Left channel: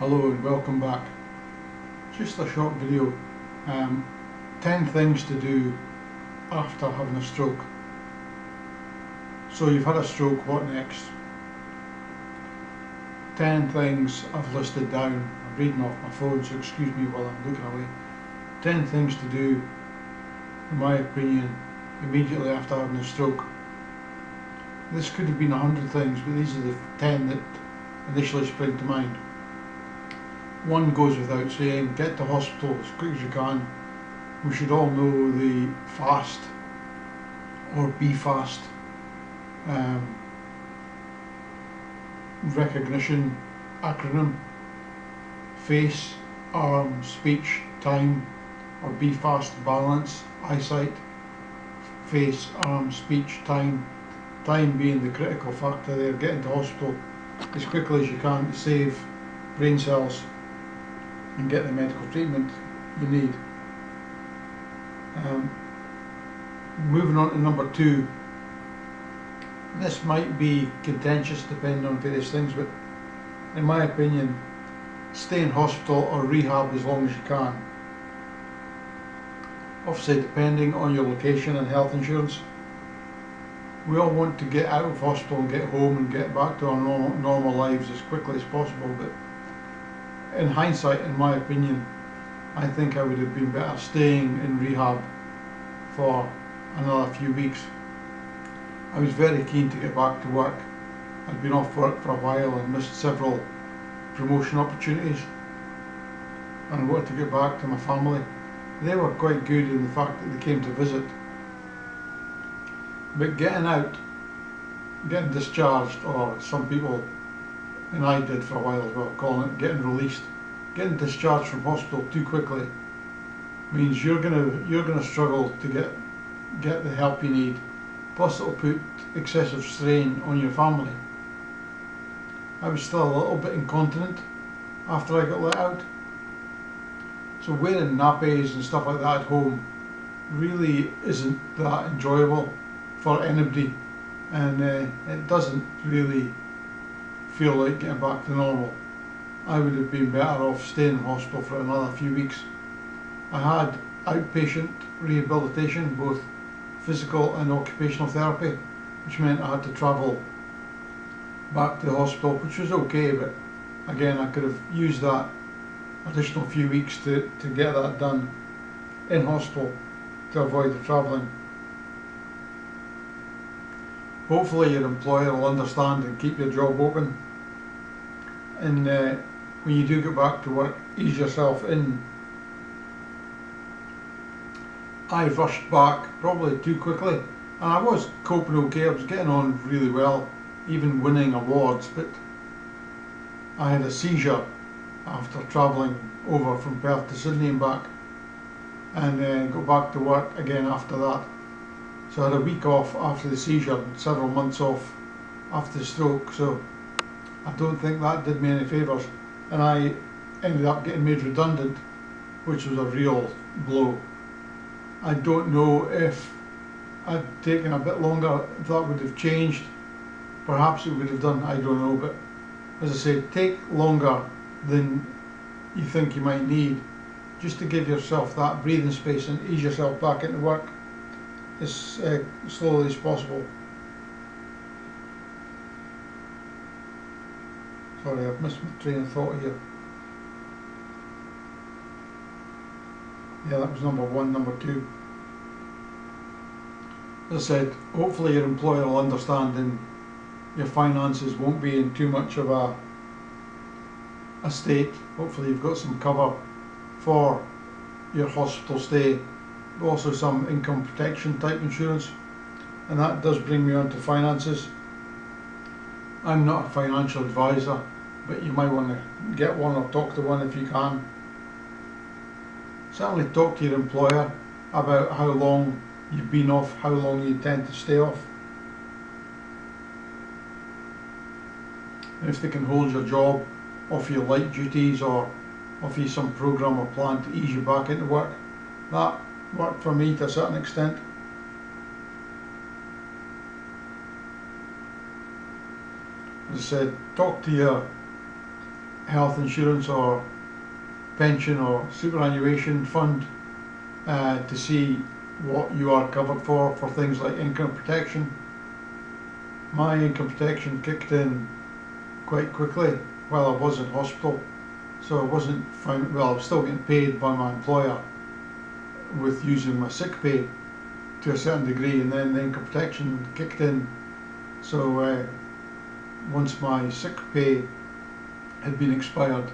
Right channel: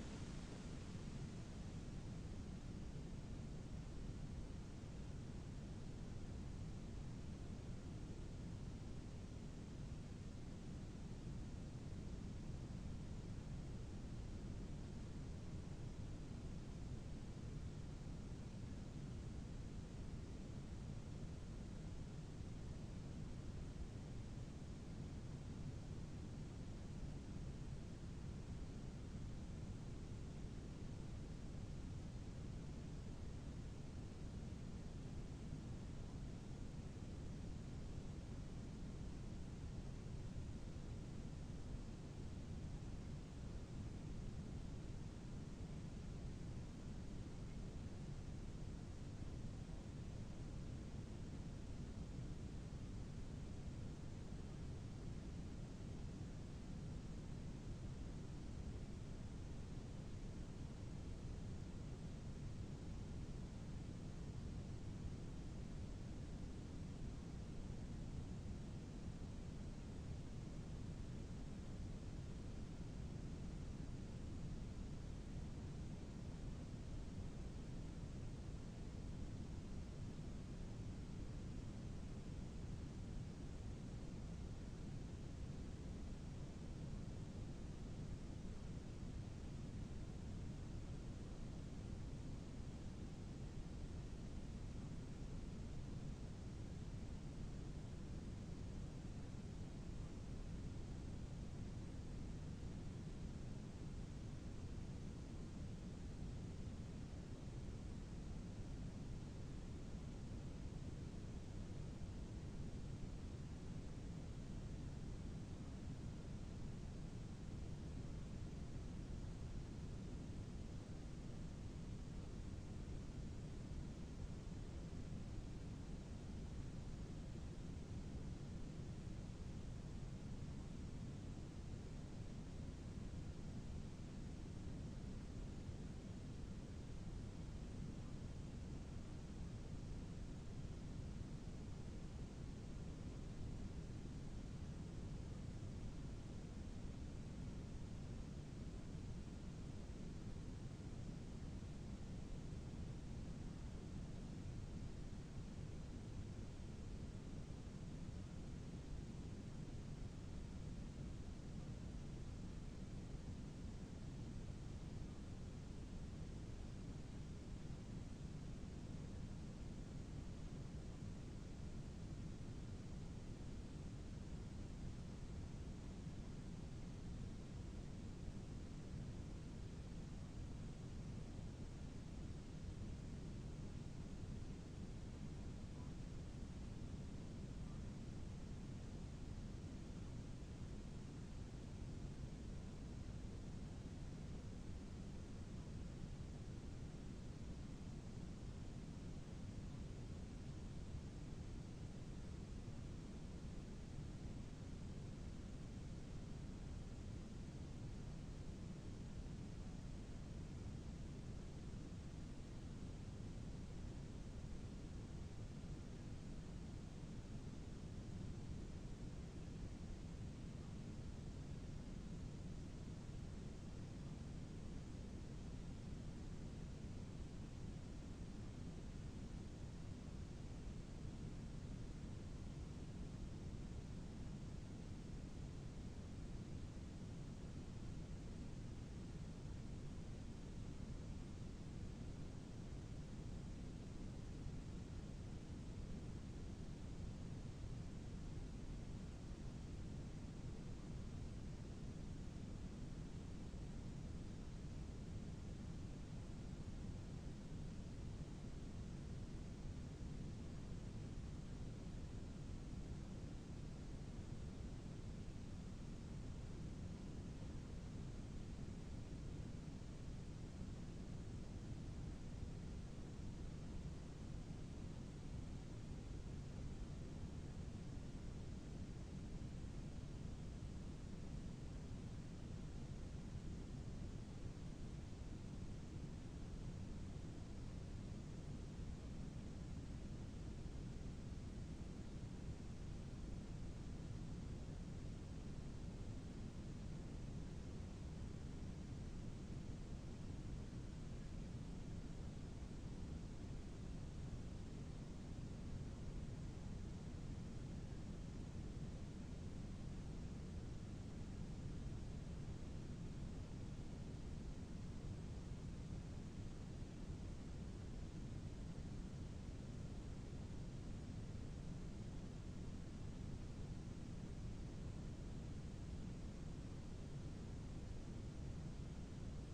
Hello and welcome back. Just a short video. 10 things to do after having a stroke. So you've had a stroke, what next? 10 things I've listed down. I'm reading off my phone, so excuse me while I'm looking away. 10 things to do, in my opinion, immediately after having a stroke. This could have been 100 things, but these are the 10 that initially spring to mind. One goes without saying, get to hospital as quick as you can. We should all know the FAST or BFAST recognition acronym. Face, arm, speech, time, or BFAST balance, eyesight, face, arm, speech, time. Time being the critical factor there, getting to hospital as quickly as you can to save brain cells and get the medical treatment you need. Moving on to number 2. This might be contentious depending on various things, but in my opinion, stay in hospital or rehab as long as you can. Obviously, depending on your location and health insurance, we all want to get out of hospital and get home and get back to our normal lives as quickly as possible, but in hindsight, in my opinion, I think I would have been better staying in rehab for another few weeks. I was very keen to get back to work. I'd been off work for a while and missed several promotion opportunities, and I wanted to get back to my family. They were quite good in the fact that they came to visit, but getting out, getting discharged, or some people, and I did for a while as well, calling it getting released. Getting discharged from hospital too quickly means you're gonna struggle to get the help you need. Plus, it'll put excessive strain on your family. I was still a little bit incontinent after I got let out, so wearing nappies and stuff like that at home really isn't that enjoyable for anybody, and it doesn't really feel like getting back to normal. I would have been better off staying in hospital for another few weeks. I had outpatient rehabilitation, both physical and occupational therapy, which meant I had to travel back to the hospital, which was okay, but again, I could have used that additional few weeks to get that done in hospital to avoid the travelling. Hopefully your employer will understand and keep your job open, and when you do get back to work, ease yourself in. I rushed back probably too quickly, and I was coping okay. I was getting on really well, even winning awards, but I had a seizure after travelling over from Perth to Sydney and back, and got back to work again after that. So I had a week off after the seizure and several months off after the stroke, so I don't think that did me any favours, and I ended up getting made redundant, which was a real blow. I don't know if I'd taken a bit longer, if that would have changed. Perhaps it would have done, I don't know, but as I say, take longer than you think you might need, just to give yourself that breathing space and ease yourself back into work as slowly as possible. Sorry, I've missed my train of thought here. Yeah, that was number 1. Number 2, as I said, hopefully your employer will understand and your finances won't be in too much of a state. Hopefully you've got some cover for your hospital stay, but also some income protection type insurance. And that does bring me on to finances. I'm not a financial advisor, but you might want to get one or talk to one if you can. Certainly talk to your employer about how long you've been off, how long you intend to stay off, and if they can hold your job, offer you light duties, or offer you some programme or plan to ease you back into work. That worked for me to a certain extent. As I said, talk to your health insurance or pension or superannuation fund to see what you are covered for things like income protection. My income protection kicked in quite quickly while I was in hospital, so I wasn't fine. Well, I was still getting paid by my employer with using my sick pay to a certain degree, and then the income protection kicked in. So once my sick pay had been expired,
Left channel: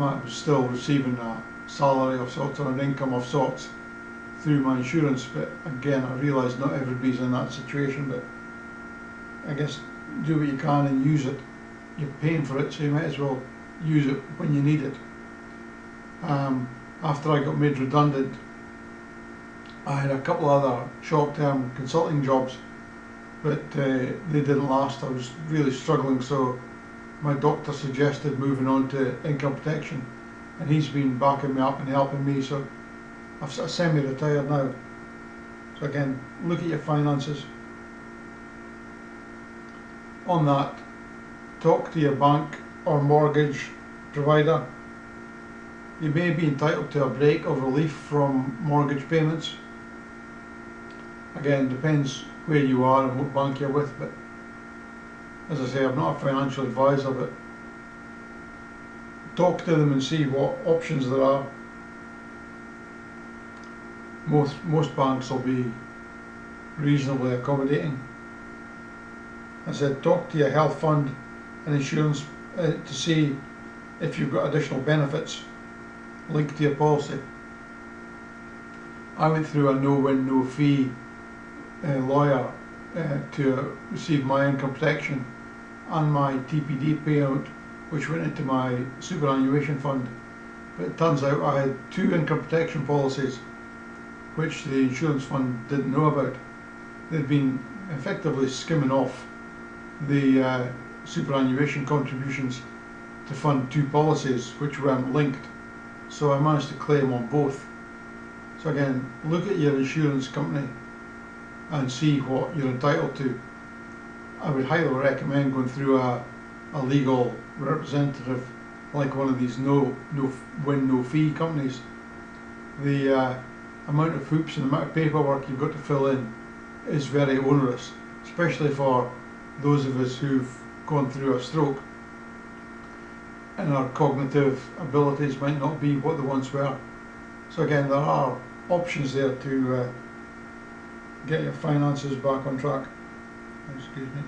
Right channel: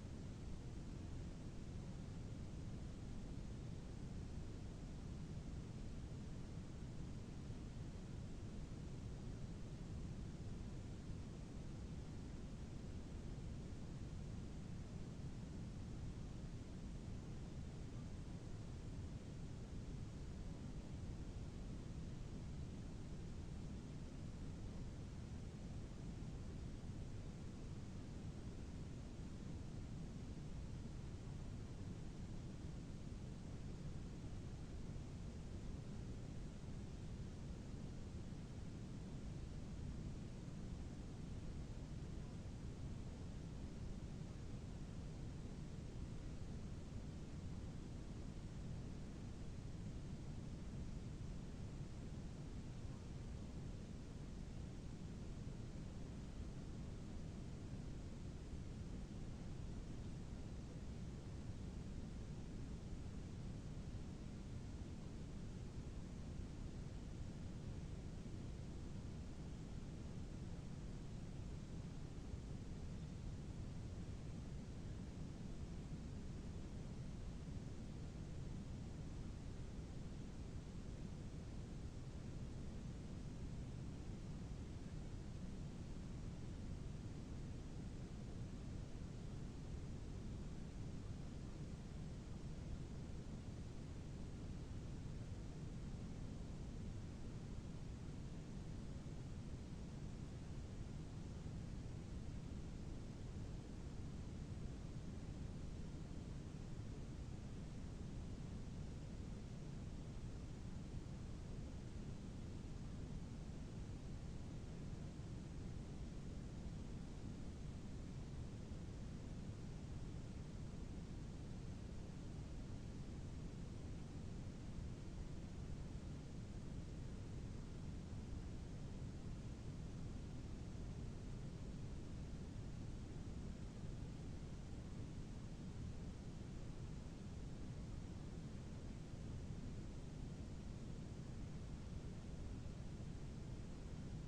I was still receiving a salary of sorts or an income of sorts through my insurance. But again, I realise not everybody's in that situation, but I guess do what you can and use it. You're paying for it, so you might as well use it when you need it. After I got made redundant, I had a couple other short-term consulting jobs, but they didn't last. I was really struggling, so my doctor suggested moving on to income protection, and he's been backing me up and helping me, so I'm semi-retired now. So again, look at your finances. On that, talk to your bank or mortgage provider. You may be entitled to a break or relief from mortgage payments. Again, depends where you are and what bank you're with, but as I say, I'm not a financial advisor, but talk to them and see what options there are. Most banks will be reasonably accommodating. I said, talk to your health fund and insurance to see if you've got additional benefits linked to your policy. I went through a no-win, no-fee lawyer to receive my income protection and my TPD payout, which went into my superannuation fund. But it turns out I had two income protection policies which the insurance fund didn't know about. They'd been effectively skimming off the superannuation contributions to fund two policies which weren't linked, so I managed to claim on both. So again, look at your insurance company and see what you're entitled to. I would highly recommend going through a legal representative like one of these no win no fee companies. The amount of hoops and the amount of paperwork you've got to fill in is very onerous, especially for those of us who've gone through a stroke and our cognitive abilities might not be what they once were. So again, there are options there to get your finances back on track. Excuse me.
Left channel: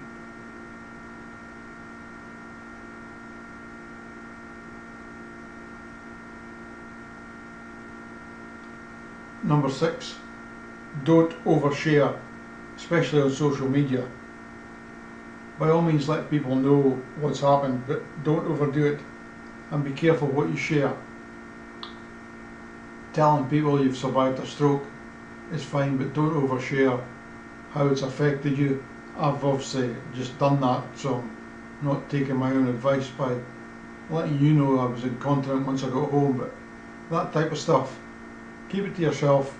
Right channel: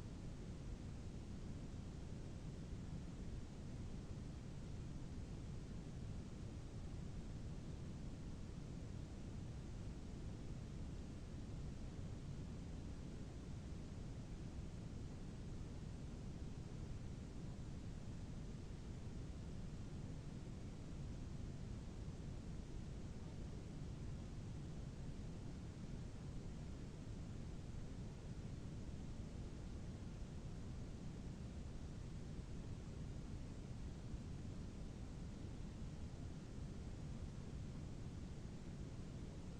Number 6, don't overshare, especially on social media. By all means let people know what's happened, but don't overdo it, and be careful what you share. Telling people you've survived a stroke is fine, but don't overshare how it's affected you. I've obviously just done that, so I'm not taking my own advice by letting you know I was incontinent once I got home, but that type of stuff, keep it to yourself.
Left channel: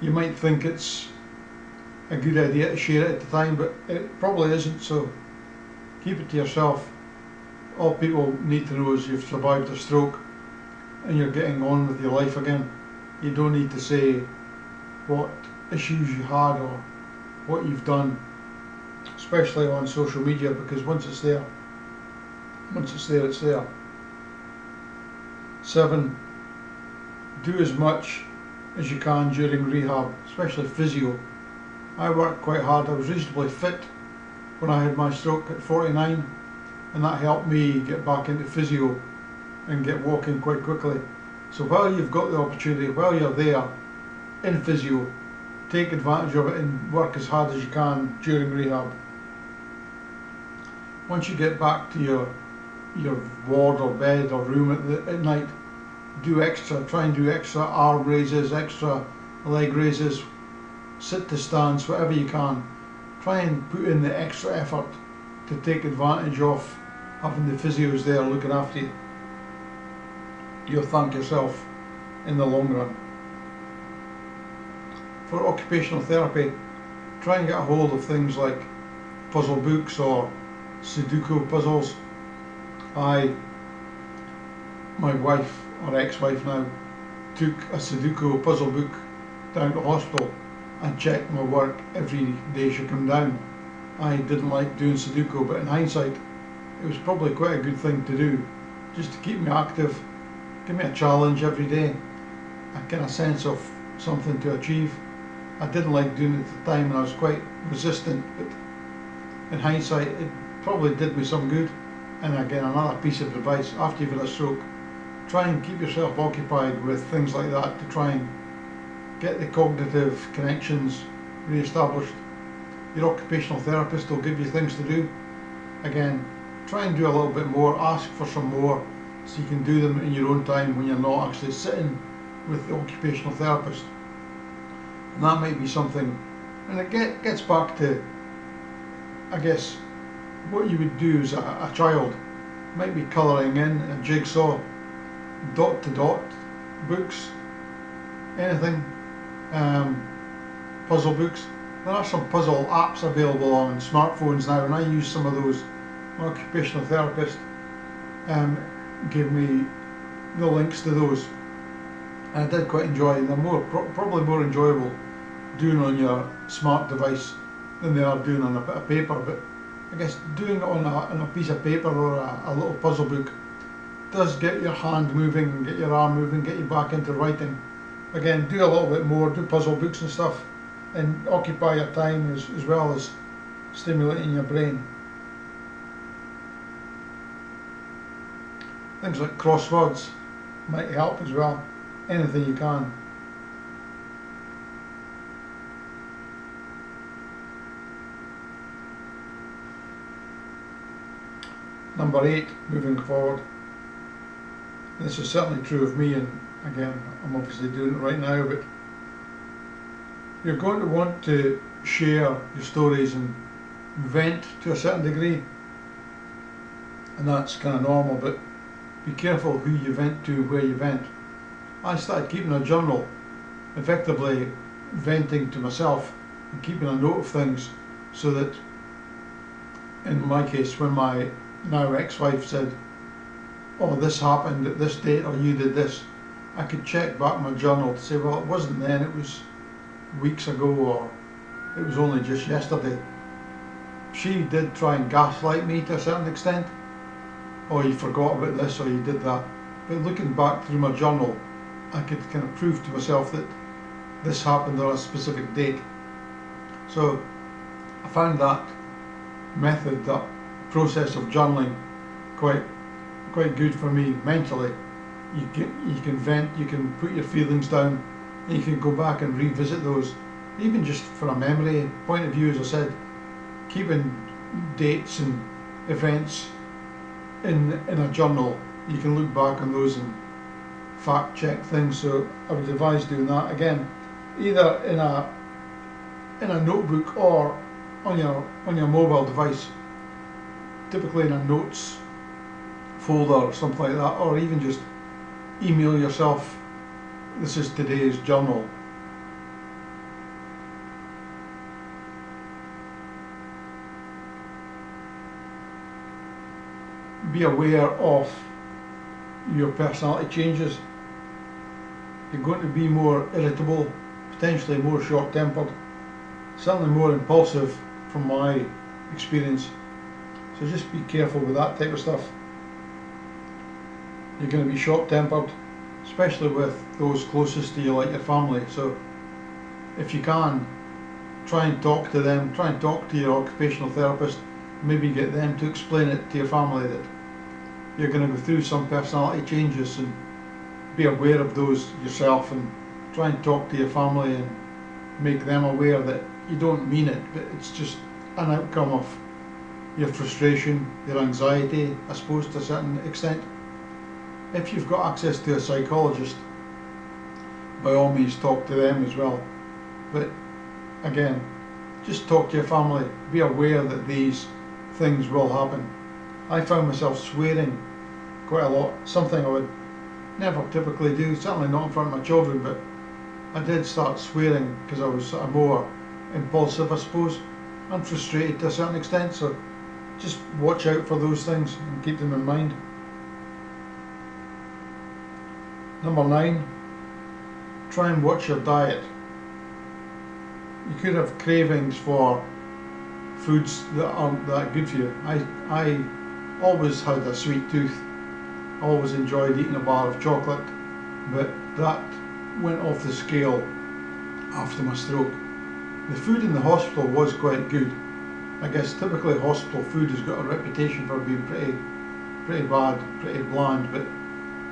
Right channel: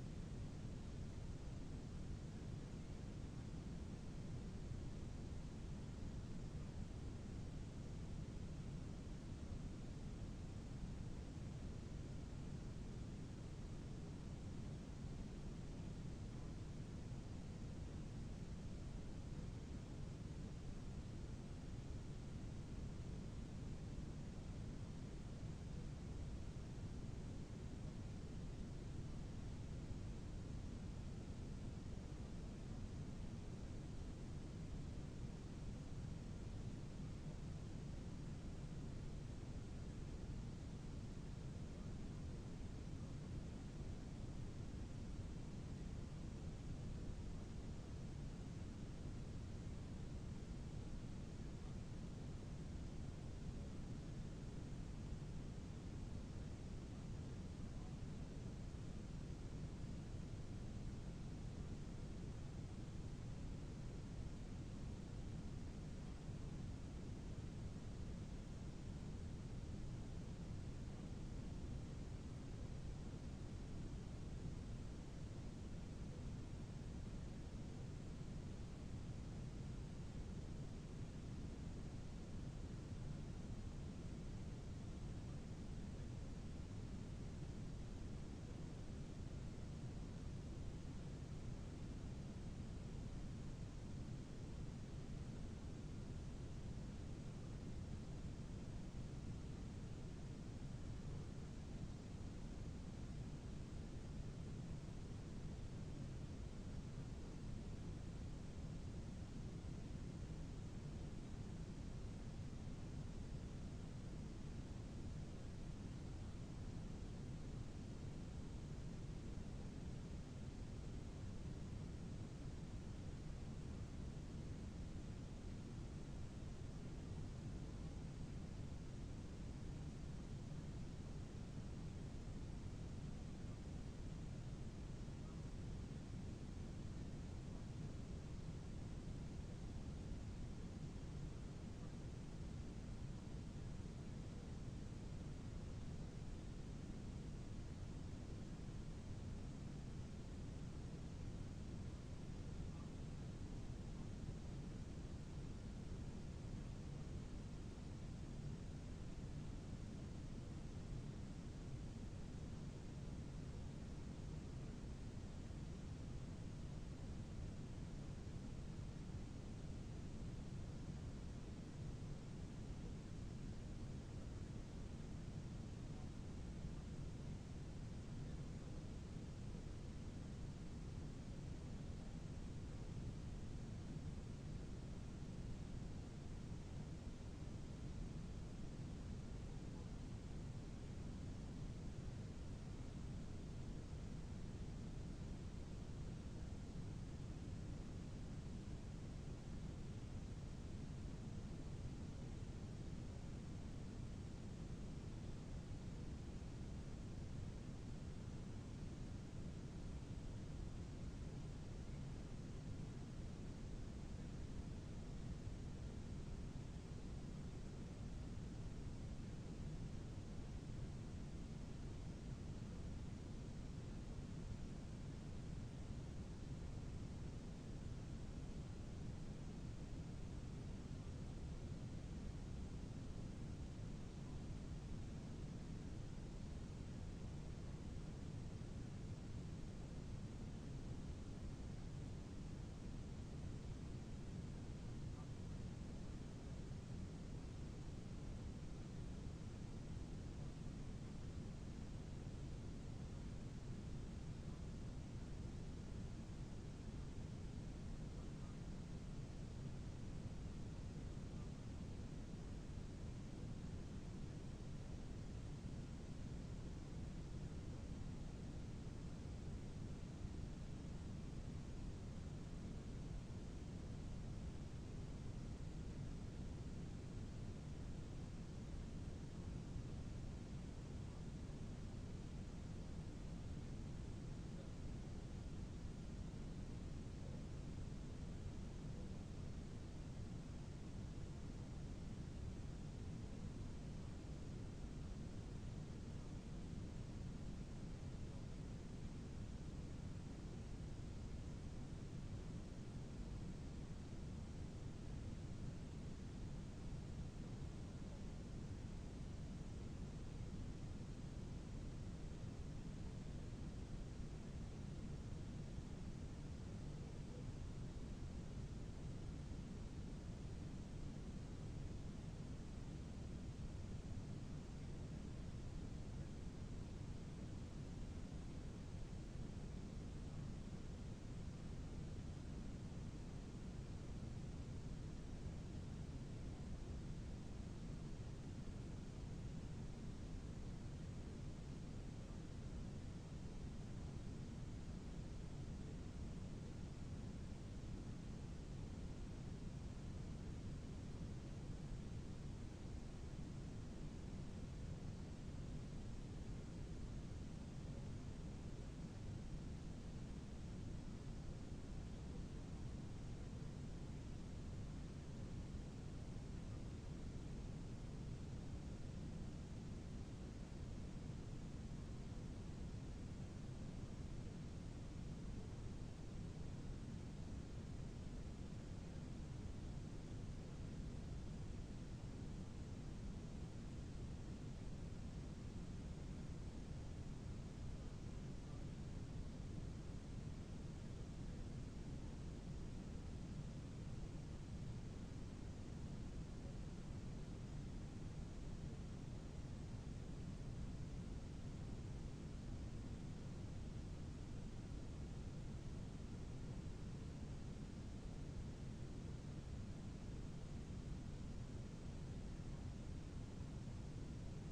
You might think it's a good idea to share it at the time, but it probably isn't, so keep it to yourself. All people need to know is you've survived a stroke and you're getting on with your life again. You don't need to say what issues you had or what you've done, especially on social media, because once it's there, it's there. 7, do as much as you can during rehab, especially physio. I worked quite hard. I was reasonably fit when I had my stroke at 49, and that helped me get back into physio and get walking quite quickly. So while you've got the opportunity, while you're there in physio, take advantage of it and work as hard as you can during rehab. Once you get back to your ward or bed or room at night, do extra, try and do extra arm raises, extra leg raises, sit to stands, whatever you can. Try and put in the extra effort to take advantage of having the physios there looking after you. You'll thank yourself in the long run. For occupational therapy, try and get a hold of things like puzzle books or Sudoku puzzles, My wife, or ex-wife now, took a Sudoku puzzle book down to hospital and checked my work every day she came down. I didn't like doing Sudoku, but in hindsight, it was probably quite a good thing to do, just to keep me active, give me a challenge every day, a kind of sense of something to achieve. I didn't like doing it at the time and I was quite resistant, but in hindsight, it probably did me some good. And again, another piece of advice, after you've had a stroke, try and keep yourself occupied with things like that to try and get the cognitive connections re-established. Your occupational therapist will give you things to do. Again, try and do a little bit more, ask for some more, so you can do them in your own time when you're not actually sitting with the occupational therapist. And that might be something, and it gets back to, I guess, what you would do as a child. Might be colouring in a jigsaw, dot to dot books, anything, puzzle books. There are some puzzle apps available on smartphones now, and I use some of those. My occupational therapist gave me the links to those, and I did quite enjoy them. They're probably more enjoyable doing on your smart device than they are doing on a bit of paper, but I guess doing it on a piece of paper or a little puzzle book does get your hand moving, get your arm moving, get you back into writing. Again, do a little bit more, do puzzle books and stuff, and occupy your time as well as stimulating your brain. Things like crosswords might help as well, anything you can. Number 8, moving forward. This is certainly true of me, and again, I'm obviously doing it right now, but you're going to want to share your stories and vent to a certain degree, and that's kind of normal, but be careful who you vent to, where you vent. I started keeping a journal, effectively venting to myself and keeping a note of things, so that in my case, when my now ex-wife said, oh, this happened at this date, or you did this, I could check back my journal to say, well, it wasn't then, it was weeks ago, or it was only just yesterday. She did try and gaslight me to a certain extent. Oh, you forgot about this, or you did that. But looking back through my journal, I could kind of prove to myself that this happened on a specific date. So I found that method, that process of journaling, quite good for me mentally. You can vent, you can put your feelings down, and you can go back and revisit those, even just from a memory point of view. As I said, keeping dates and events in a journal, you can look back on those and fact check things. So I would advise doing that, again, either in a notebook or on your mobile device, typically in a notes folder or something like that, or even just email yourself, this is today's journal. Be aware of your personality changes. You're going to be more irritable, potentially more short-tempered, certainly more impulsive from my experience. So just be careful with that type of stuff. You're going to be short-tempered, especially with those closest to you, like your family. So if you can, try and talk to them, try and talk to your occupational therapist, maybe get them to explain it to your family that you're going to go through some personality changes, and be aware of those yourself, and try and talk to your family and make them aware that you don't mean it, but it's just an outcome of your frustration, your anxiety, I suppose, to a certain extent. If you've got access to a psychologist, by all means talk to them as well. But again, just talk to your family, be aware that these things will happen. I found myself swearing quite a lot, something I would never typically do, certainly not in front of my children, but I did start swearing because I was sort of more impulsive, I suppose, and frustrated to a certain extent. So just watch out for those things and keep them in mind. Number 9, try and watch your diet. You could have cravings for foods that aren't that good for you. I always had a sweet tooth, always enjoyed eating a bar of chocolate, but that went off the scale after my stroke. The food in the hospital was quite good. I guess typically hospital food has got a reputation for being pretty bad, pretty bland, but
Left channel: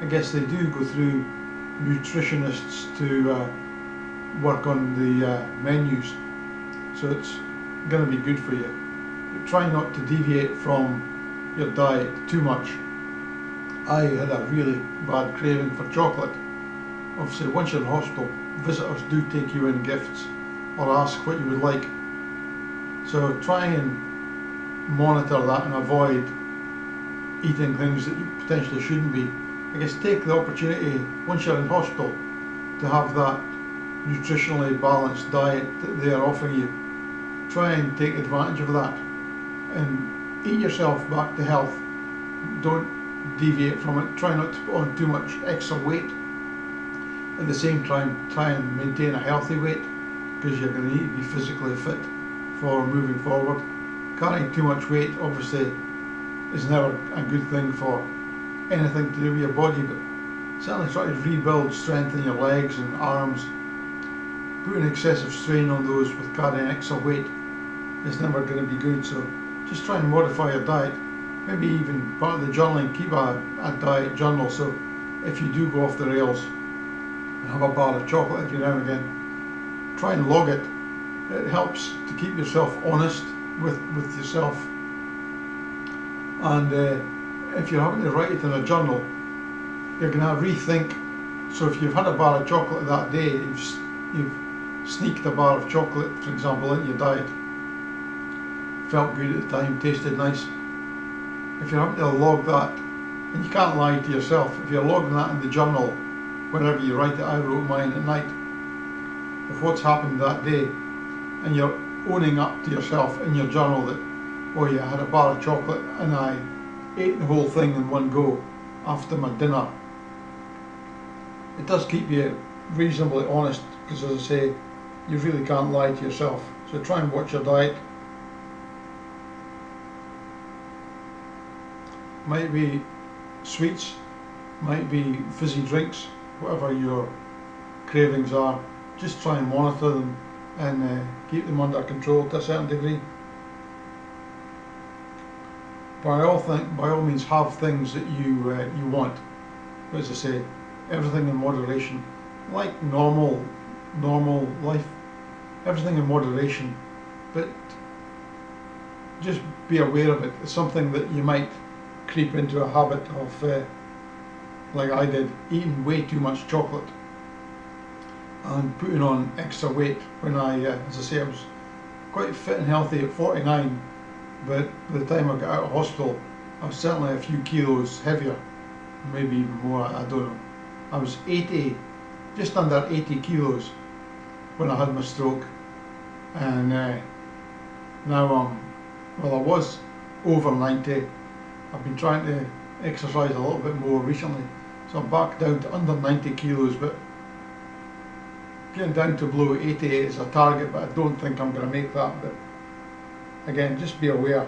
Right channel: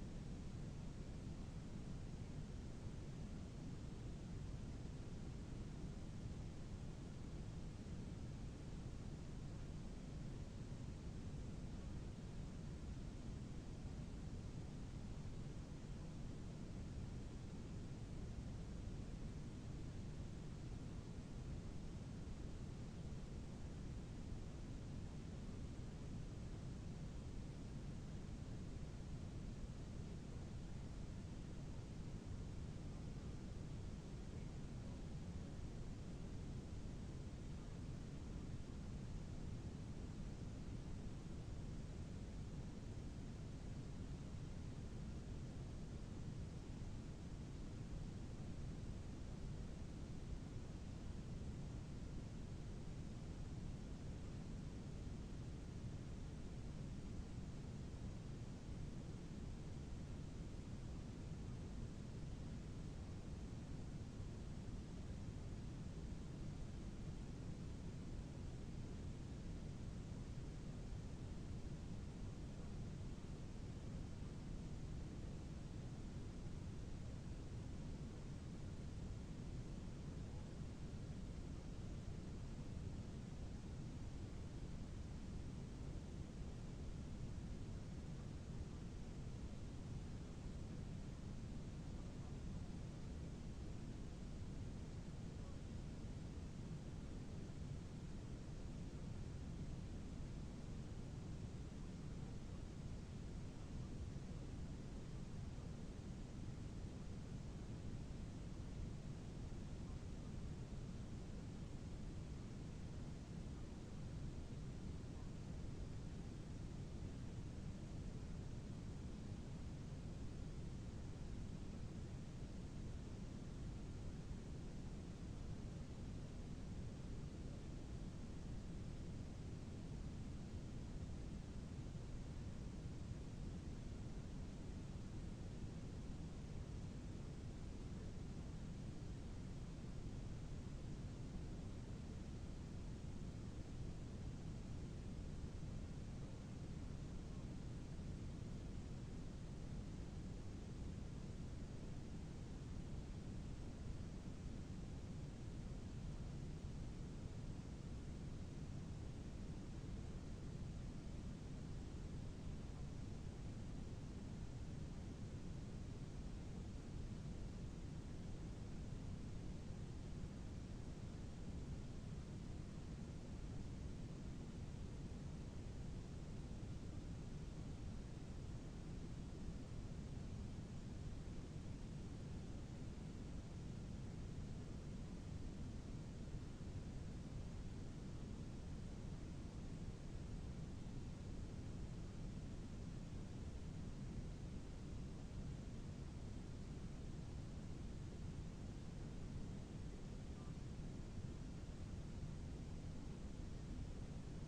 I guess they do go through nutritionists to work on the menus, so it's going to be good for you. But try not to deviate from your diet too much. I had a really bad craving for chocolate. Obviously, once you're in hospital, visitors do take you in gifts or ask what you would like. So try and monitor that and avoid eating things that you potentially shouldn't be. I guess take the opportunity, once you're in hospital, to have that nutritionally balanced diet that they are offering you. Try and take advantage of that and eat yourself back to health. Don't deviate from it. Try not to put on too much extra weight. At the same time, try and maintain a healthy weight, because you're going to need to be physically fit for moving forward. Carrying too much weight obviously is never a good thing for anything to do with your body, but certainly try to rebuild strength in your legs and arms. Putting excessive strain on those with carrying extra weight is never going to be good, so just try and modify your diet. Maybe even part of the journaling, keep a diet journal, so if you do go off the rails and have a bar of chocolate every now and again, try and log it. It helps to keep yourself honest with yourself, and if you're having to write it in a journal, you're going to rethink. So if you've had a bar of chocolate that day, you've sneaked a bar of chocolate, for example, into your diet, felt good at the time, tasted nice. If you're having to log that, and you can't lie to yourself, if you're logging that in the journal whenever you write it, I wrote mine at night, of what's happened that day, and you're owning up to yourself in your journal that, oh yeah, I had a bar of chocolate and I ate the whole thing in one go after my dinner. It does keep you reasonably honest, because as I say, you really can't lie to yourself. So try and watch your diet. Might be sweets, might be fizzy drinks, whatever your cravings are. Just try and monitor them and keep them under control to a certain degree. By all means, have things that you want. But as I say, everything in moderation, like normal life. Everything in moderation, but just be aware of it. It's something that you might creep into a habit of, like I did, eating way too much chocolate and putting on extra weight when as I say, I was quite fit and healthy at 49, but by the time I got out of hospital, I was certainly a few kilos heavier, maybe even more, I don't know. I was 80, just under 80 kilos when I had my stroke, and now well, I was over 90. I've been trying to exercise a little bit more recently, so I'm back down to under 90 kilos, but getting down to below 80 is a target, but I don't think I'm going to make that. But again, just be aware.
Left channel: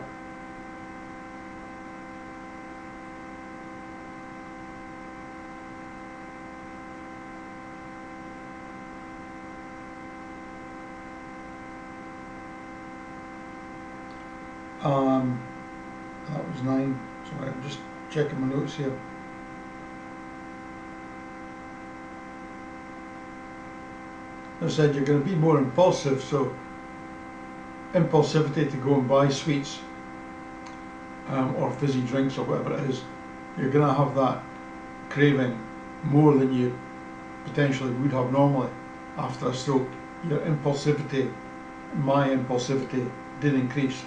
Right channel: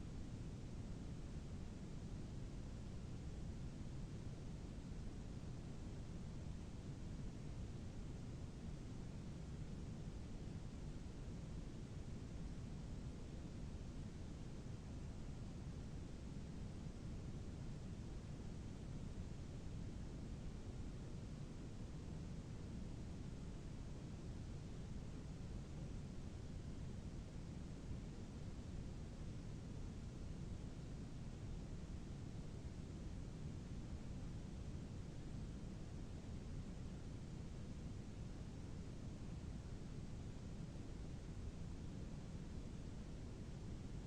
That was 9. Sorry, I'm just checking my notes here. As I said, you're going to be more impulsive, so impulsivity to go and buy sweets or fizzy drinks or whatever it is, you're going to have that craving more than you potentially would have normally after a stroke. Your impulsivity, my impulsivity, did increase.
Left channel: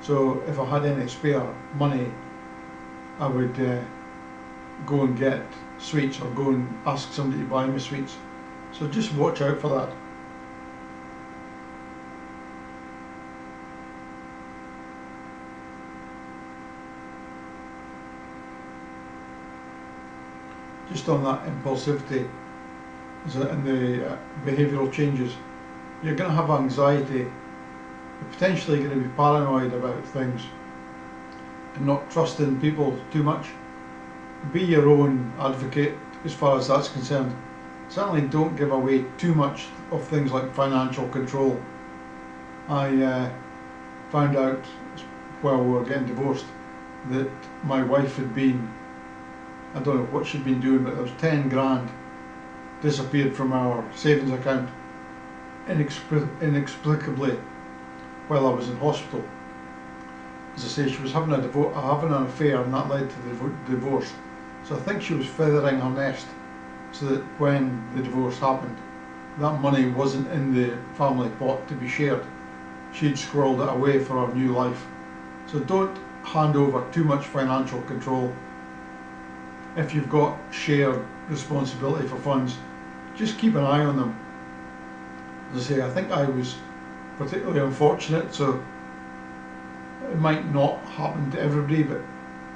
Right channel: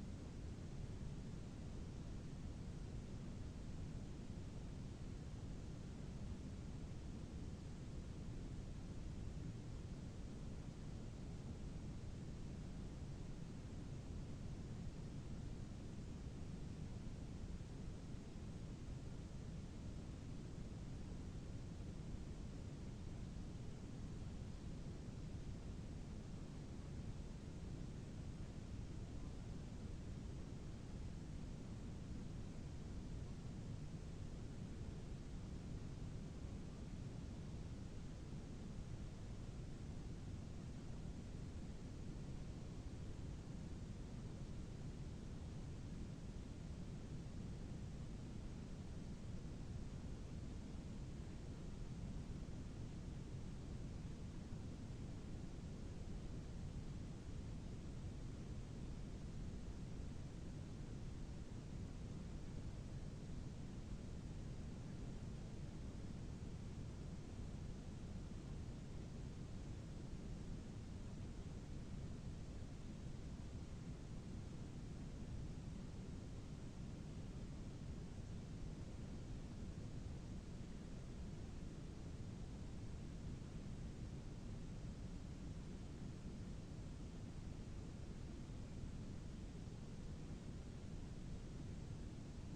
So if I had any spare money, I would go and get sweets or go and ask somebody to buy me sweets. So just watch out for that. just on that impulsivity and the behavioural changes, you're going to have anxiety, you're potentially going to be paranoid about things and not trusting people too much. Be your own advocate as far as that's concerned. Certainly don't give away too much of things like financial control. I found out while we were getting divorced that my wife had been, I don't know what she'd been doing, but there was 10 grand disappeared from our savings account inexplicably while I was in hospital. As I say, she was having an affair, and that led to the divorce. So I think she was feathering her nest so that when the divorce happened, that money wasn't in the family pot to be shared. She'd squirreled it away for her new life. So don't hand over too much financial control. If you've got shared responsibility for funds, just keep an eye on them. As I say, I think I was particularly unfortunate, so it might not happen to everybody, but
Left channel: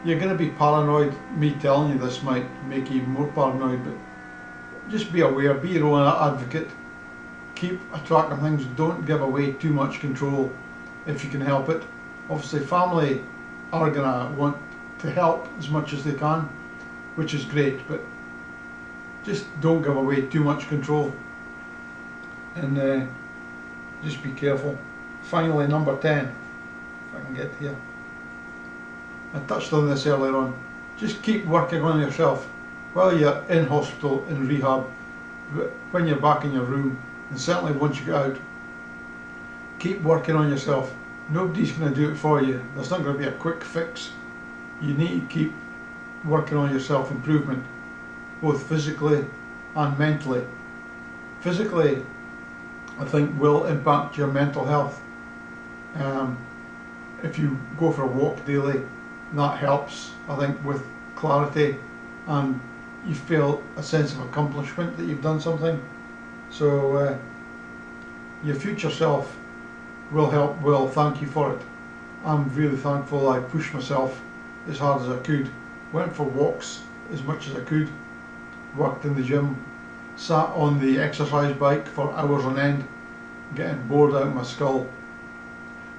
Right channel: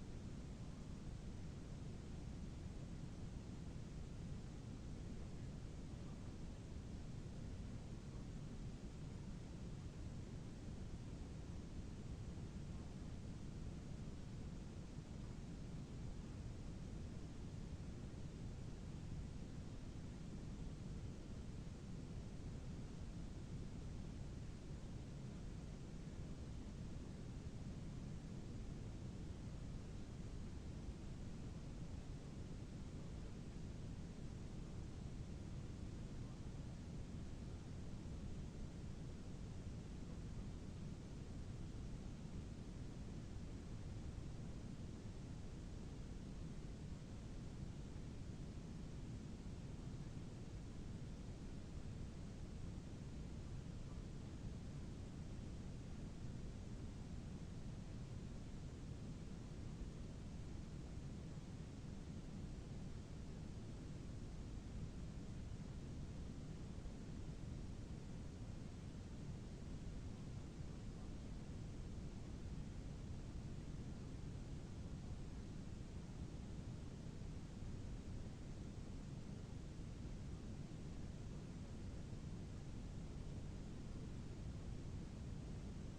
you're going to be paranoid. Me telling you this might make you even more paranoid, but just be aware, be your own advocate, keep a track of things, don't give away too much control if you can help it. Obviously family are going to want to help as much as they can, which is great, but just don't give away too much control, and just be careful. Finally, number 10, if I can get here. I touched on this earlier on. Just keep working on yourself while you're in hospital, in rehab, when you're back in your room, and certainly once you get out. Keep working on yourself. Nobody's going to do it for you. There's not going to be a quick fix. You need to keep working on your self-improvement, both physically and mentally. Physically, I think, will impact your mental health. If you go for a walk daily, that helps, I think, with clarity, and you feel a sense of accomplishment that you've done something. So your future self will thank you for it. I'm really thankful I pushed myself as hard as I could, went for walks as much as I could, worked in the gym, sat on the exercise bike for hours on end, getting bored out of my skull.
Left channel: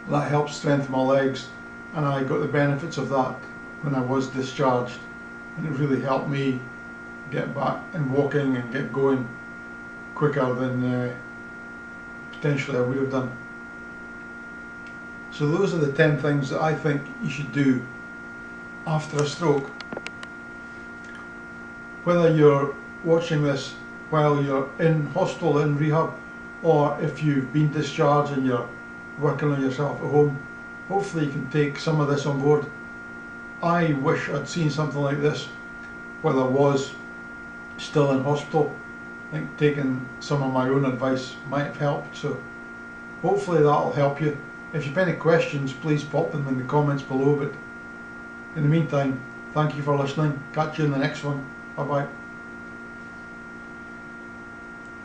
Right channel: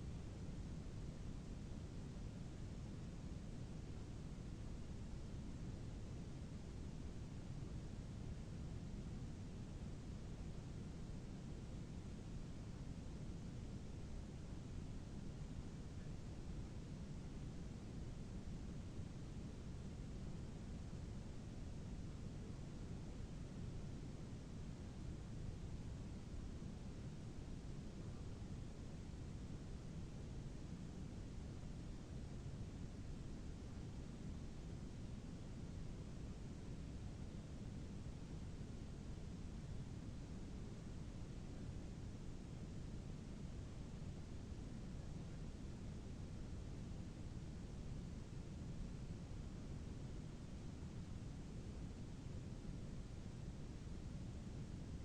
That helped strengthen my legs, and I got the benefits of that when I was discharged, and it really helped me get back and walking and get going quicker than potentially I would have done. So those are the 10 things that I think you should do after a stroke. Whether you're watching this while you're in hospital, in rehab, or if you've been discharged and you're working on yourself at home, hopefully you can take some of this on board. I wish I'd seen something like this while I was still in hospital. I think taking some of my own advice might have helped, so hopefully that'll help you. If you've any questions, please pop them in the comments below, but in the meantime, thank you for listening. Catch you in the next one. Bye bye.